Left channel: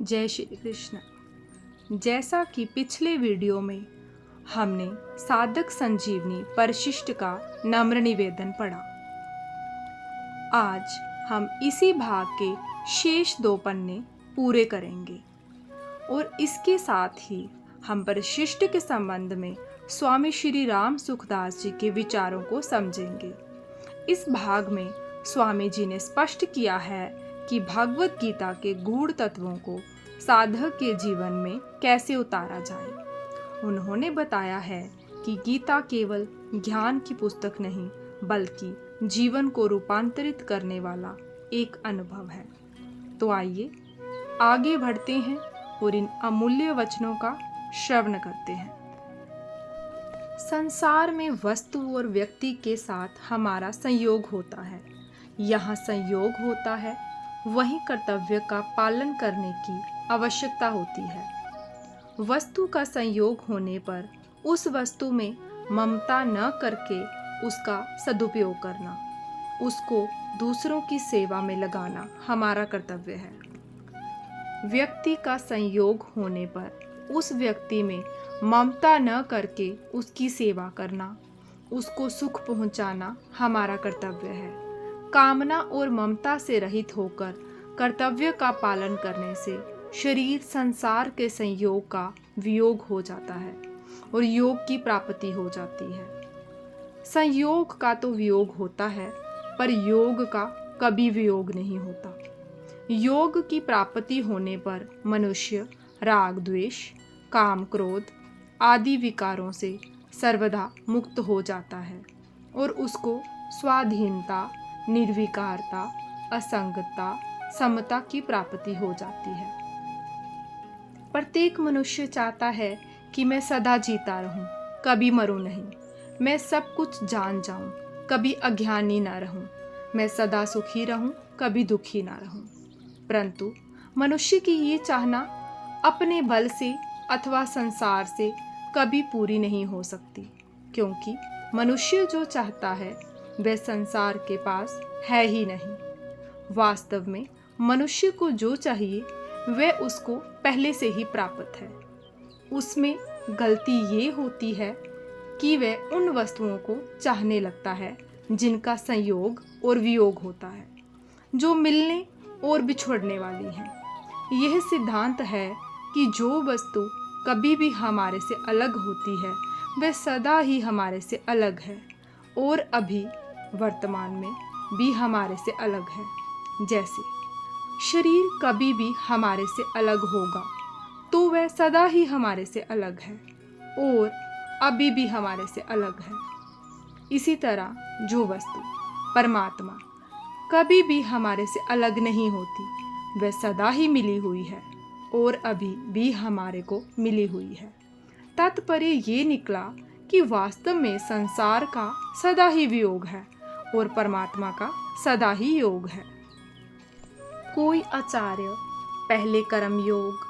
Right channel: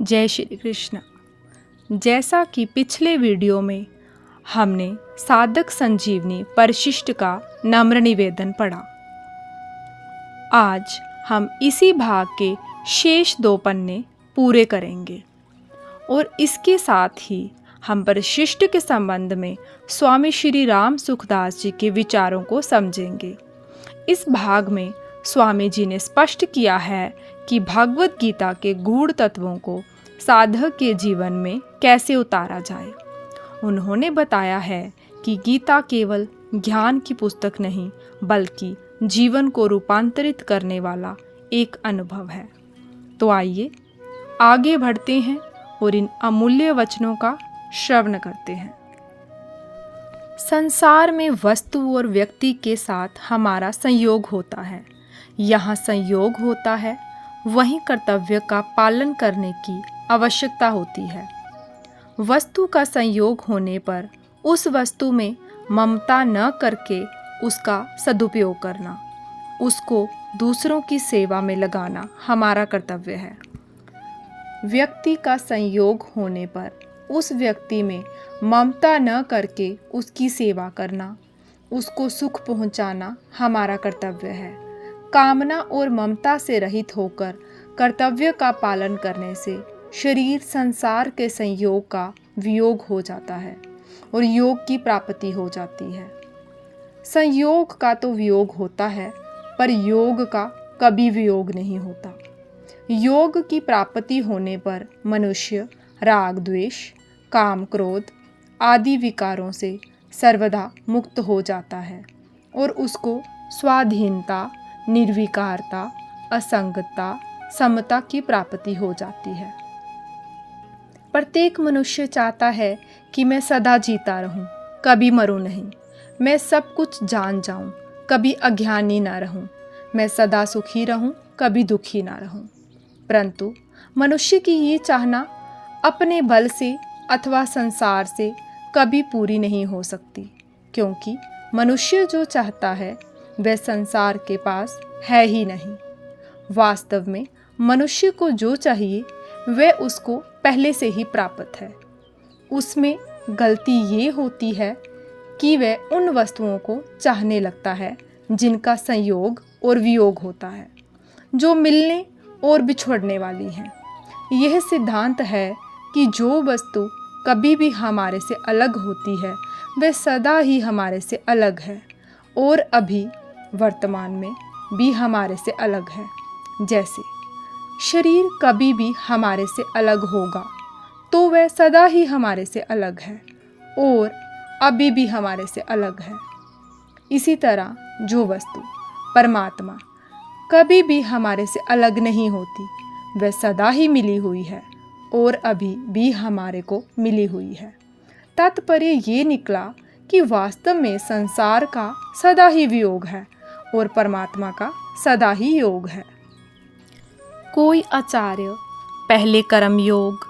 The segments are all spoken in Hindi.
जय श्री कृष्ण। जैसा कि पिछले वीडियो में हमने साधक संजीवनी परिशिष्ट का नम्र निवेदन पढ़ा, आज हम इसी भाग के शेष 2 पन्ने पूरे करेंगे और इसके साथ ही हम परिशिष्ट के संबंध में स्वामी श्री राम सुखदास जी के विचारों को समझेंगे। इस भाग में स्वामी जी ने स्पष्ट किया है कि भगवत गीता के गूढ़ तत्वों को साधक के जीवन में कैसे उतारा जाए। उन्होंने बताया है कि गीता केवल ज्ञान की पुस्तक नहीं बल्कि जीवन को रूपांतरित करने वाला एक अनुभव है। तो आइए आगे बढ़ते हैं और इन अमूल्य वचनों का श्रवण करते हैं। संसार में वस्तु और व्यक्ति के साथ हमारा संयोग होता है। यहाँ संयोग होता है, वहीं कर्तव्य का पालन करने की आवश्यकता होती है। वस्तु का संयोग होने पर उस वस्तु में ममता न करके उसका सदुपयोग करना, उसको दूसरों की सेवा में लगाना हमारा कर्तव्य है। व्यक्ति का संयोग होने पर उस व्यक्ति में ममता न करके उसकी सेवा करना, उसको सुख पहुंचाना हमारा कर्तव्य है। कामना और ममता से रहित होकर कर्तव्य का पालन करने से शरीर संसार के संयोग का वियोग हो जाता है और योग की प्राप्ति हो जाती है। संयोग का तो वियोग होता है, पर योग का कभी वियोग नहीं होता। योग की प्राप्ति होने पर मनुष्य राग द्वेष, काम क्रोध आदि विकारों से सर्वदा मुक्त हो जाता है और उसको स्वाधीनता, निर्विकारता, असंगता, समता की प्राप्ति हो जाती है। प्रत्येक मनुष्य चाहता है कि मैं सदा जीता रहूं, कभी मरूं नहीं। मैं सब कुछ जान जाऊं, कभी अज्ञानी ना रहूं। मैं सदा सुखी रहूं, कभी दुखी ना रहूं। परंतु मनुष्य की ये चाहना अपने बल से अथवा संसार से कभी पूरी नहीं हो सकती, क्योंकि मनुष्य जो चाहता है वह संसार के पास है ही नहीं। वास्तव में मनुष्य को जो चाहिए वह उसको पहले से ही प्राप्त है। उसमें गलती ये होती है कि वह उन वस्तुओं को चाहने लगता है जिनका संयोग और वियोग होता है, जो मिलने और बिछड़ने वाली हैं। यह सिद्धांत है कि जो वस्तु कभी भी हमारे से अलग होती है वह सदा ही हमारे से अलग है और अभी वर्तमान में भी हमारे से अलग है। जैसे शरीर कभी भी हमारे से अलग होगा तो वह सदा ही हमारे से अलग है और अभी भी हमारे से अलग है। इसी तरह जो वस्तु परमात्मा कभी भी हमारे से अलग नहीं होती, वह सदा ही मिली हुई है और अभी भी हमारे को मिली हुई है। तात्पर्य ये निकला कि वास्तव में संसार का सदा ही वियोग है और परमात्मा का सदा ही योग है। कोई आचार्य पहले कर्म योग,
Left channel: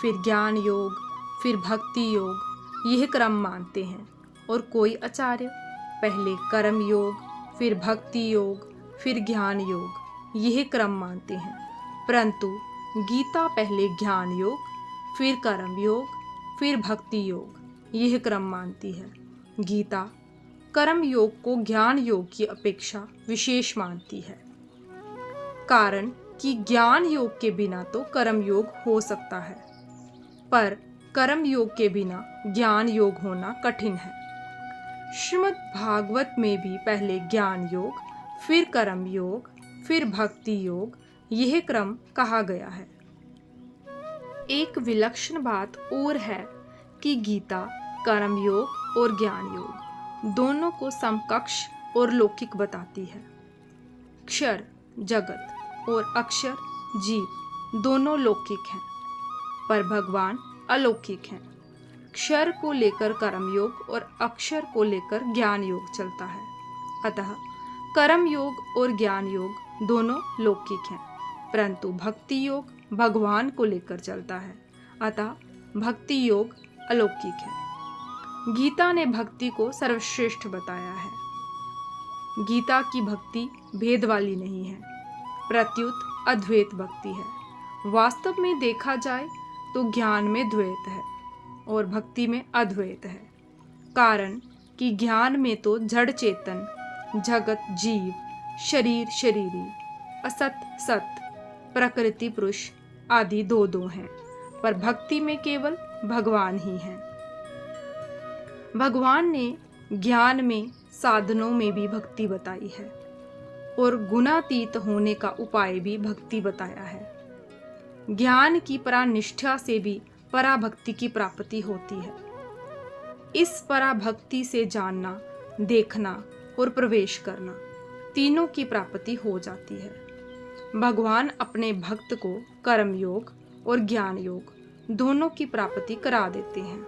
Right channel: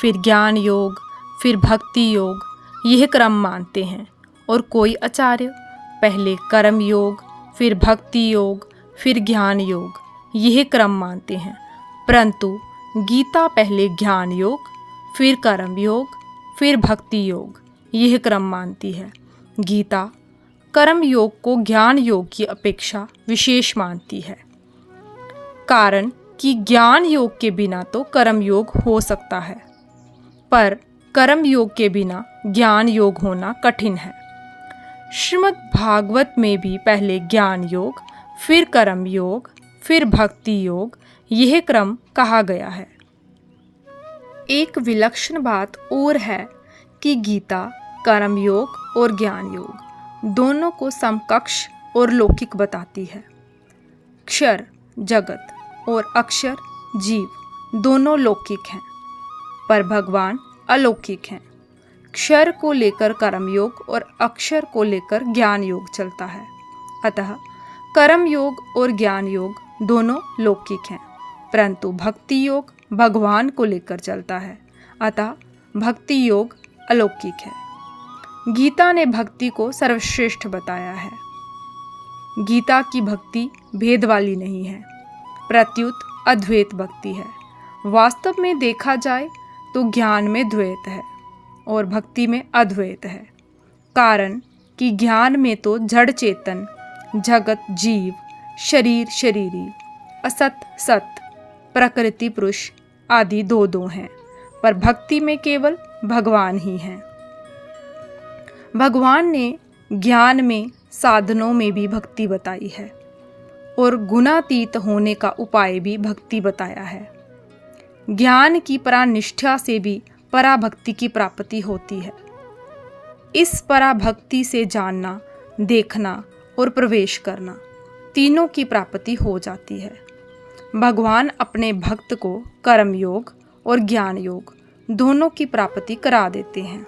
फिर ज्ञान योग, फिर भक्ति योग, यह क्रम मानते हैं, और कोई आचार्य पहले कर्म योग, फिर भक्ति योग, फिर ज्ञान योग, यह क्रम मानते हैं। परंतु गीता पहले ज्ञान योग, फिर कर्म योग, फिर भक्ति योग, यह क्रम मानती है। गीता कर्म योग को ज्ञान योग की अपेक्षा विशेष मानती है, कारण कि ज्ञान योग के बिना तो कर्म योग हो सकता है, पर कर्म योग के बिना ज्ञान योग होना कठिन है। श्रीमद् भागवत में भी पहले ज्ञान योग, फिर कर्म योग, फिर भक्ति योग, यह क्रम कहा गया है। एक विलक्षण बात और है कि गीता कर्म योग और ज्ञान योग दोनों को समकक्ष और लौकिक बताती है। क्षर जगत और अक्षर जीव दोनों लौकिक हैं, पर भगवान अलौकिक हैं। क्षर को लेकर कर्म योग और अक्षर को लेकर ज्ञान योग चलता है। अतः कर्म योग और ज्ञान योग दोनों लौकिक हैं, परंतु भक्ति योग भगवान को लेकर चलता है। अतः भक्ति योग अलौकिक है। गीता ने भक्ति को सर्वश्रेष्ठ बताया है। गीता की भक्ति भेद वाली नहीं है, प्रत्युत अद्वैत भक्ति है। वास्तव में देखा जाए तो ज्ञान में द्वैत है और भक्ति में अद्वैत है। कारण कि ज्ञान में तो जड़ चेतन, जगत जीव, शरीर शरीरी, असत सत, प्रकृति पुरुष आदि दो दो हैं, पर भक्ति में केवल भगवान ही हैं। भगवान ने ज्ञान में साधनों में भी भक्ति बताई है और गुणातीत होने का उपाय भी भक्ति बताया है। ज्ञान की परानिष्ठा से भी पराभक्ति की प्राप्ति होती है। इस पराभक्ति से जानना, देखना और प्रवेश करना, तीनों की प्राप्ति हो जाती है। भगवान अपने भक्त को कर्म योग और ज्ञान योग दोनों की प्राप्ति करा देते हैं।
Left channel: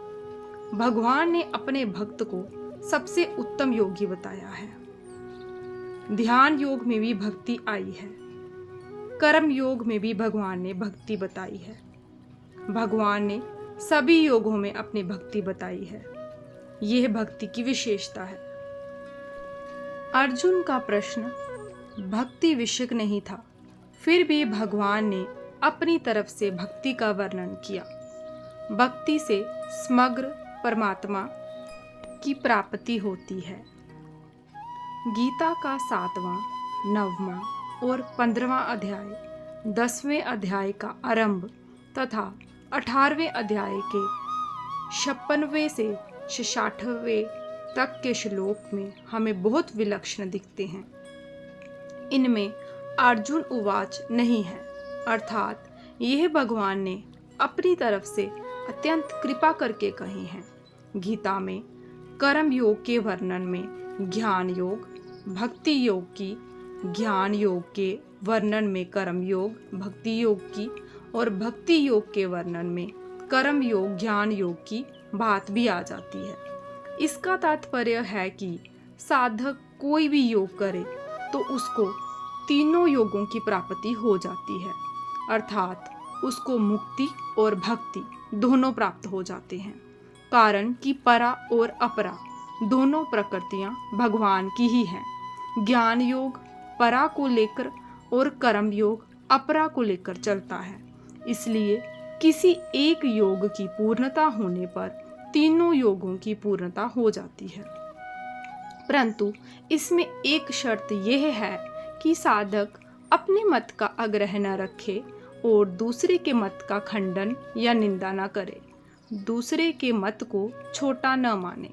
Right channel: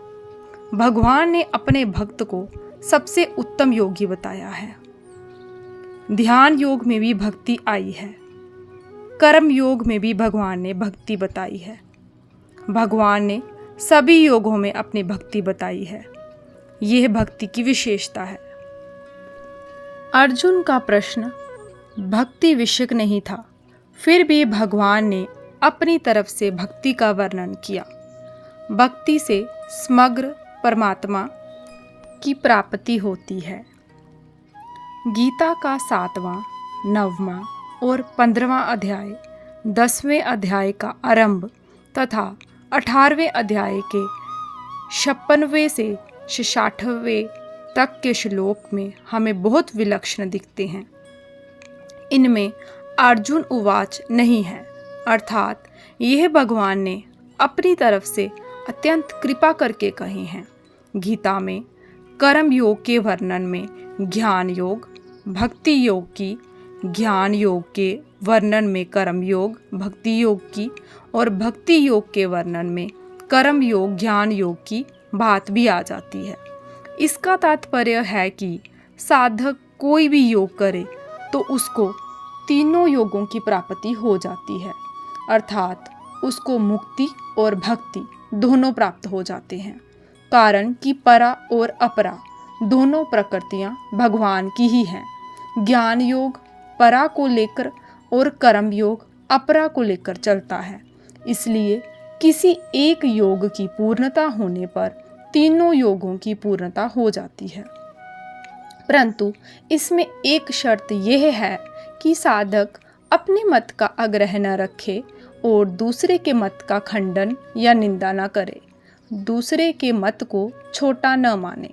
भगवान ने अपने भक्त को सबसे उत्तम योगी बताया है। ध्यान योग में भी भक्ति आई है, कर्म योग में भी भगवान ने भक्ति बताई है। भगवान ने सभी योगों में अपनी भक्ति बताई है। यह भक्ति की विशेषता है। अर्जुन का प्रश्न भक्ति विषयक नहीं था, फिर भी भगवान ने अपनी तरफ से भक्ति का वर्णन किया। भक्ति से समग्र परमात्मा की प्राप्ति होती है। गीता का 7वां, 9वां और 15वां अध्याय 10वें अध्याय का आरंभ तथा 18वें अध्याय के 56वें से 66वें तक के श्लोक में हमें बहुत विलक्षण दिखते हैं। इनमें अर्जुन उवाच नहीं है, अर्थात यह भगवान ने अपनी तरफ से अत्यंत कृपा करके कहे हैं। गीता में कर्म योग के वर्णन में ज्ञान योग, भक्ति योग की, ज्ञान योग के वर्णन में कर्म योग, भक्ति योग की और भक्ति योग के वर्णन में कर्म योग, ज्ञान योग की बात भी आ जाती है। इसका तात्पर्य है कि साधक कोई भी योग करे तो उसको तीनों योगों की प्राप्ति हो जाती है, अर्थात उसको मुक्ति और भक्ति दोनों प्राप्त हो जाते हैं। कारण कि परा और अपरा दोनों प्रकृतियां भगवान की ही हैं। ज्ञान योग परा को लेकर और कर्म योग अपरा को लेकर चलता है। इसलिए किसी एक योग की पूर्णता होने पर तीनों योगों की पूर्णता हो जाती है। परंतु इसमें एक शर्त यह है कि साधक अपने मत का आग्रह न रखे और दूसरे के मत का खंडन या निंदा न करे, दूसरे के मत को छोटा न माने।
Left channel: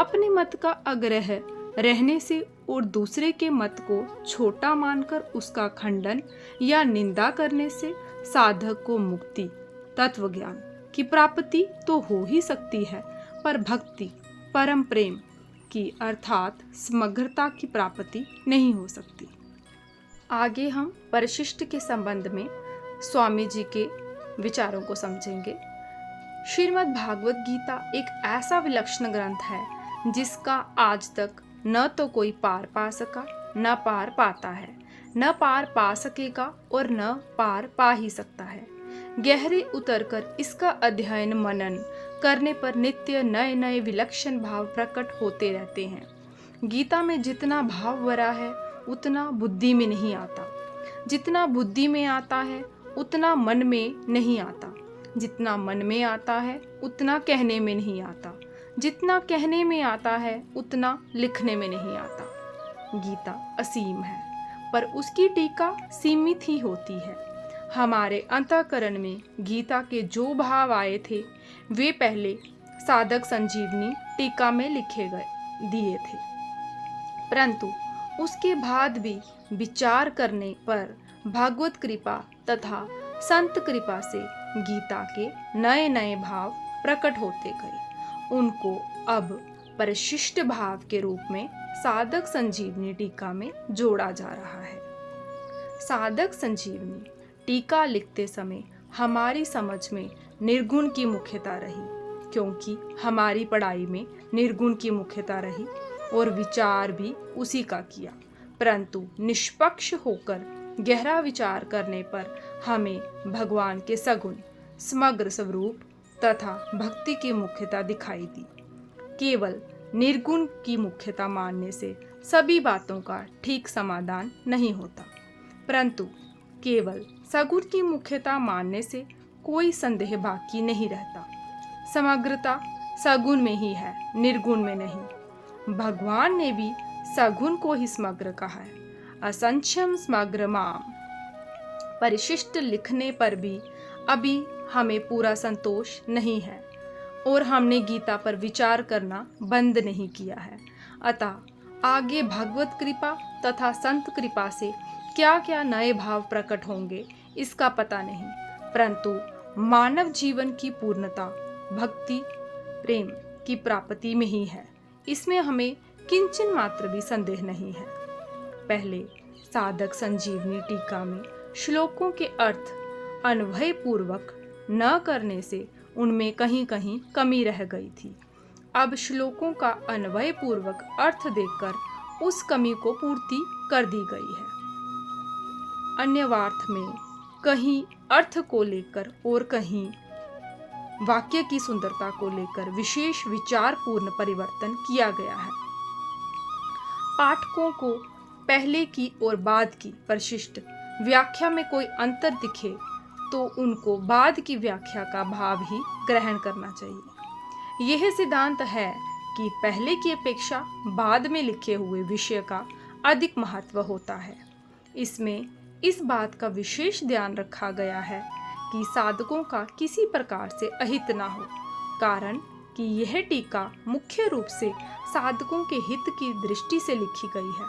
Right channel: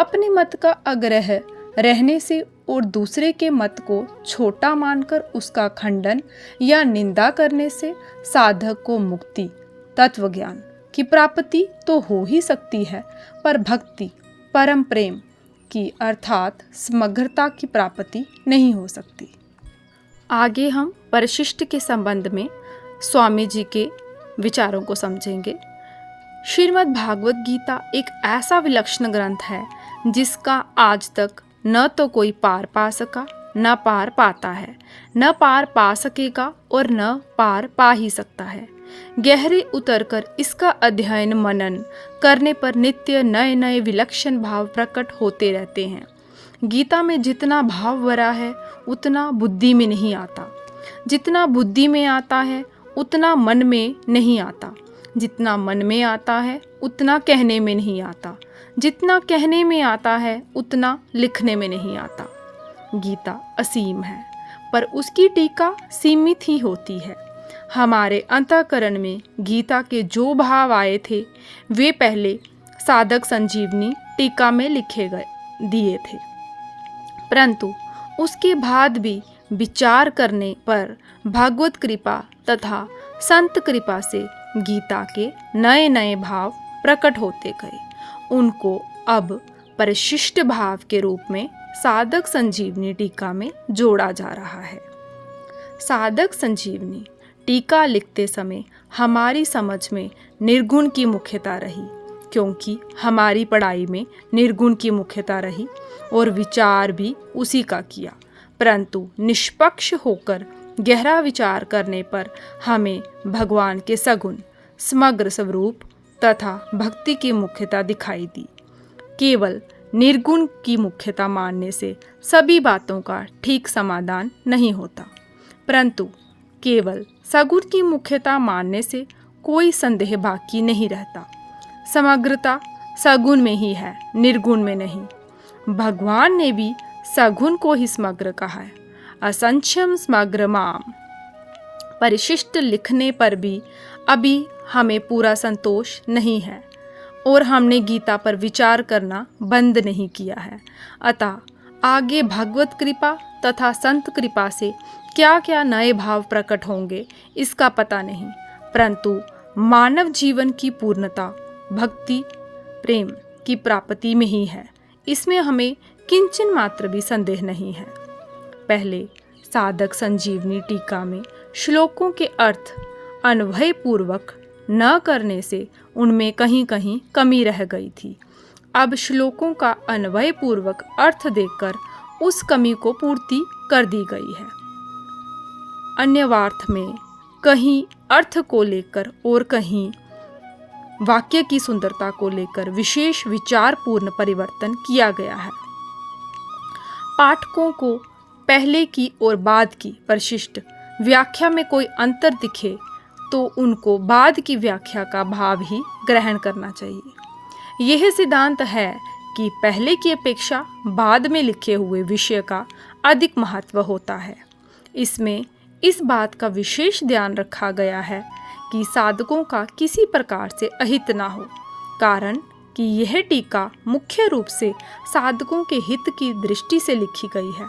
अपने मत का आग्रह रहने से और दूसरे के मत को छोटा मानकर उसका खंडन या निंदा करने से साधक को मुक्ति, तत्व ज्ञान की प्राप्ति तो हो ही सकती है, पर भक्ति, परम प्रेम की अर्थात समग्रता की प्राप्ति नहीं हो सकती। आगे हम परिशिष्ट के संबंध में स्वामी जी के विचारों को समझेंगे। श्रीमद् भागवत गीता एक ऐसा विलक्षण ग्रंथ है जिसका आज तक न तो कोई पार पा सका, न पार पाता है, न पार पा सकेगा और न पार पा ही सकता है। गहरे उतरकर इसका अध्ययन मनन करने पर नित्य नए नए विलक्षण भाव प्रकट होते रहते हैं। गीता में जितना भाव भरा है उतना बुद्धि में नहीं आता, जितना बुद्धि में आता है उतना मन में नहीं आता, जितना मन में आता है उतना कहने में नहीं आता, जितना कहने में आता है उतना लिखने में नहीं आता। गीता असीम है, पर उसकी टीका सीमित ही होती है। हमारे अंतःकरण में गीता के जो भाव आए थे वे पहले साधक संजीवनी टीका में लिखे गए दिए थे, परंतु उसके बाद भी विचार करने पर भगवत कृपा तथा संत कृपा से गीता के नए नए भाव प्रकट होते गए। उनको अब परिशिष्ट भाव के रूप में साधक संजीवनी टीका में जोड़ा जा रहा है। साधक संजीवनी टीका लिखते समय हमारी समझ में निर्गुण की मुख्यता रही, क्योंकि हमारी पढ़ाई में निर्गुण की मुख्यता रही और विचार भी उसी का किया, परंतु निष्पक्ष होकर गहरा विचार करने पर हमें भगवान के सगुण समग्र स्वरूप तथा भक्ति की मुख्यता दिखाई दी। केवल निर्गुण की मुख्यता मानने से सभी बातों का ठीक समाधान नहीं होता, परंतु केवल सगुण की मुख्यता मानने से कोई संदेह बाकी नहीं रहता। समग्रता सगुण में ही है, निर्गुण में नहीं। भगवान ने भी सगुण को ही समग्र कहा है। असंख्यम समग्र माम। परिशिष्ट लिखने पर भी अभी हमें पूरा संतोष नहीं है और हमने गीता पर विचार करना बंद नहीं किया है। अतः आगे भगवत कृपा तथा संत कृपा से क्या क्या नए भाव प्रकट होंगे इसका पता नहीं, परंतु मानव जीवन की पूर्णता भक्ति प्रेम की प्राप्ति में ही है, इसमें हमें किंचन मात्र भी संदेह नहीं है। पहले साधक संजीवनी टीका में श्लोकों के अर्थ अन्वय पूर्वक न करने से उनमें कहीं कहीं कमी रह गई थी। अब श्लोकों का अन्वय पूर्वक अर्थ देकर उस कमी को पूर्ति कर दी गई है। अन्यवार्थ में कहीं अर्थ को लेकर और कहीं वाक्य की सुंदरता को लेकर विशेष विचारपूर्ण परिवर्तन किया गया है। पाठकों को पहले की और बाद की परिशिष्ट व्याख्या में कोई अंतर दिखे तो उनको बाद की व्याख्या का भाव ही ग्रहण करना चाहिए। यह सिद्धांत है कि पहले की अपेक्षा बाद में लिखे हुए विषय का अधिक महत्व होता है। इसमें इस बात का विशेष ध्यान रखा गया है कि साधकों का किसी प्रकार से अहित ना हो, कारण कि यह टीका मुख्य रूप से साधकों के हित की दृष्टि से लिखी गई है,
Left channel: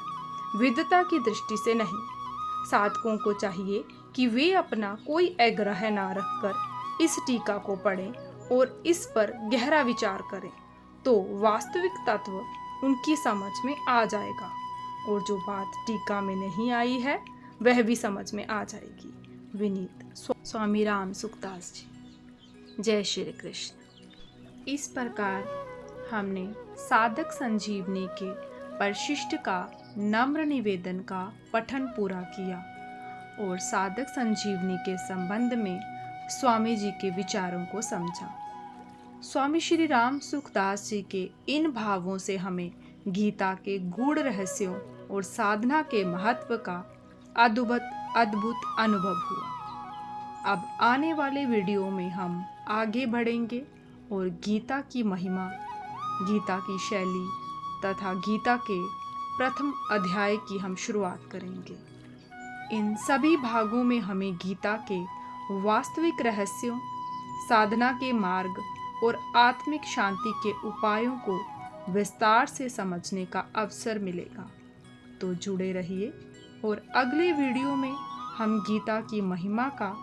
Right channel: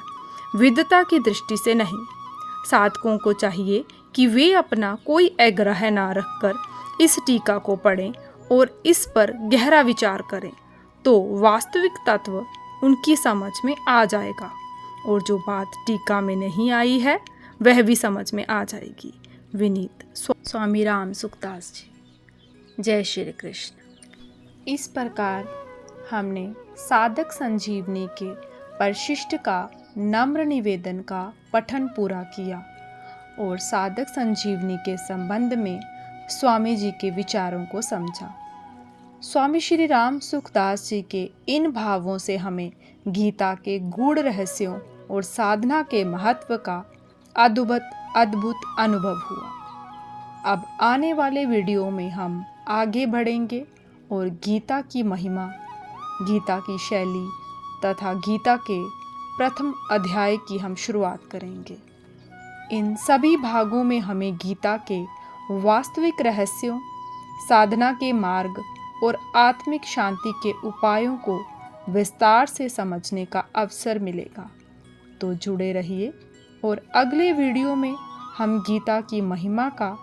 विद्वता की दृष्टि से नहीं। साधकों को चाहिए कि वे अपना कोई आग्रह ना रखकर इस टीका को पढ़ें और इस पर गहरा विचार करें, तो वास्तविक तत्व उनकी समझ में आ जाएगा और जो बात टीका में नहीं आई है वह भी समझ में आ जाएगी। विनीत स्वामी राम सुखदास जी। जय श्री कृष्ण। इस प्रकार हमने साधक संजीवनी के परिशिष्ट का नम्र निवेदन का पठन पूरा किया और साधक संजीवनी के संबंध में स्वामी जी के विचारों को समझा। स्वामी श्री राम सुखदास जी के इन भावों से हमें गीता के गूढ़ रहस्यों और साधना के महत्व का अद्भुत अनुभव हुआ। अब आने वाले वीडियो में हम आगे बढ़ेंगे और गीता की महिमा, गीता की शैली तथा गीता के प्रथम अध्याय की हम शुरुआत करेंगे। इन सभी भागों में हमें गीता के वास्तविक रहस्यों, साधना के मार्ग और आत्मिक शांति के उपायों को विस्तार से समझने का अवसर मिलेगा। तो जुड़े रहिए और अगले वीडियो में हम गीता की महिमा का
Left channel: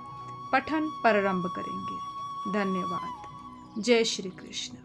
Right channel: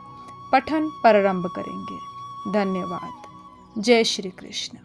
पठन प्रारंभ करेंगे। धन्यवाद। जय श्री कृष्ण।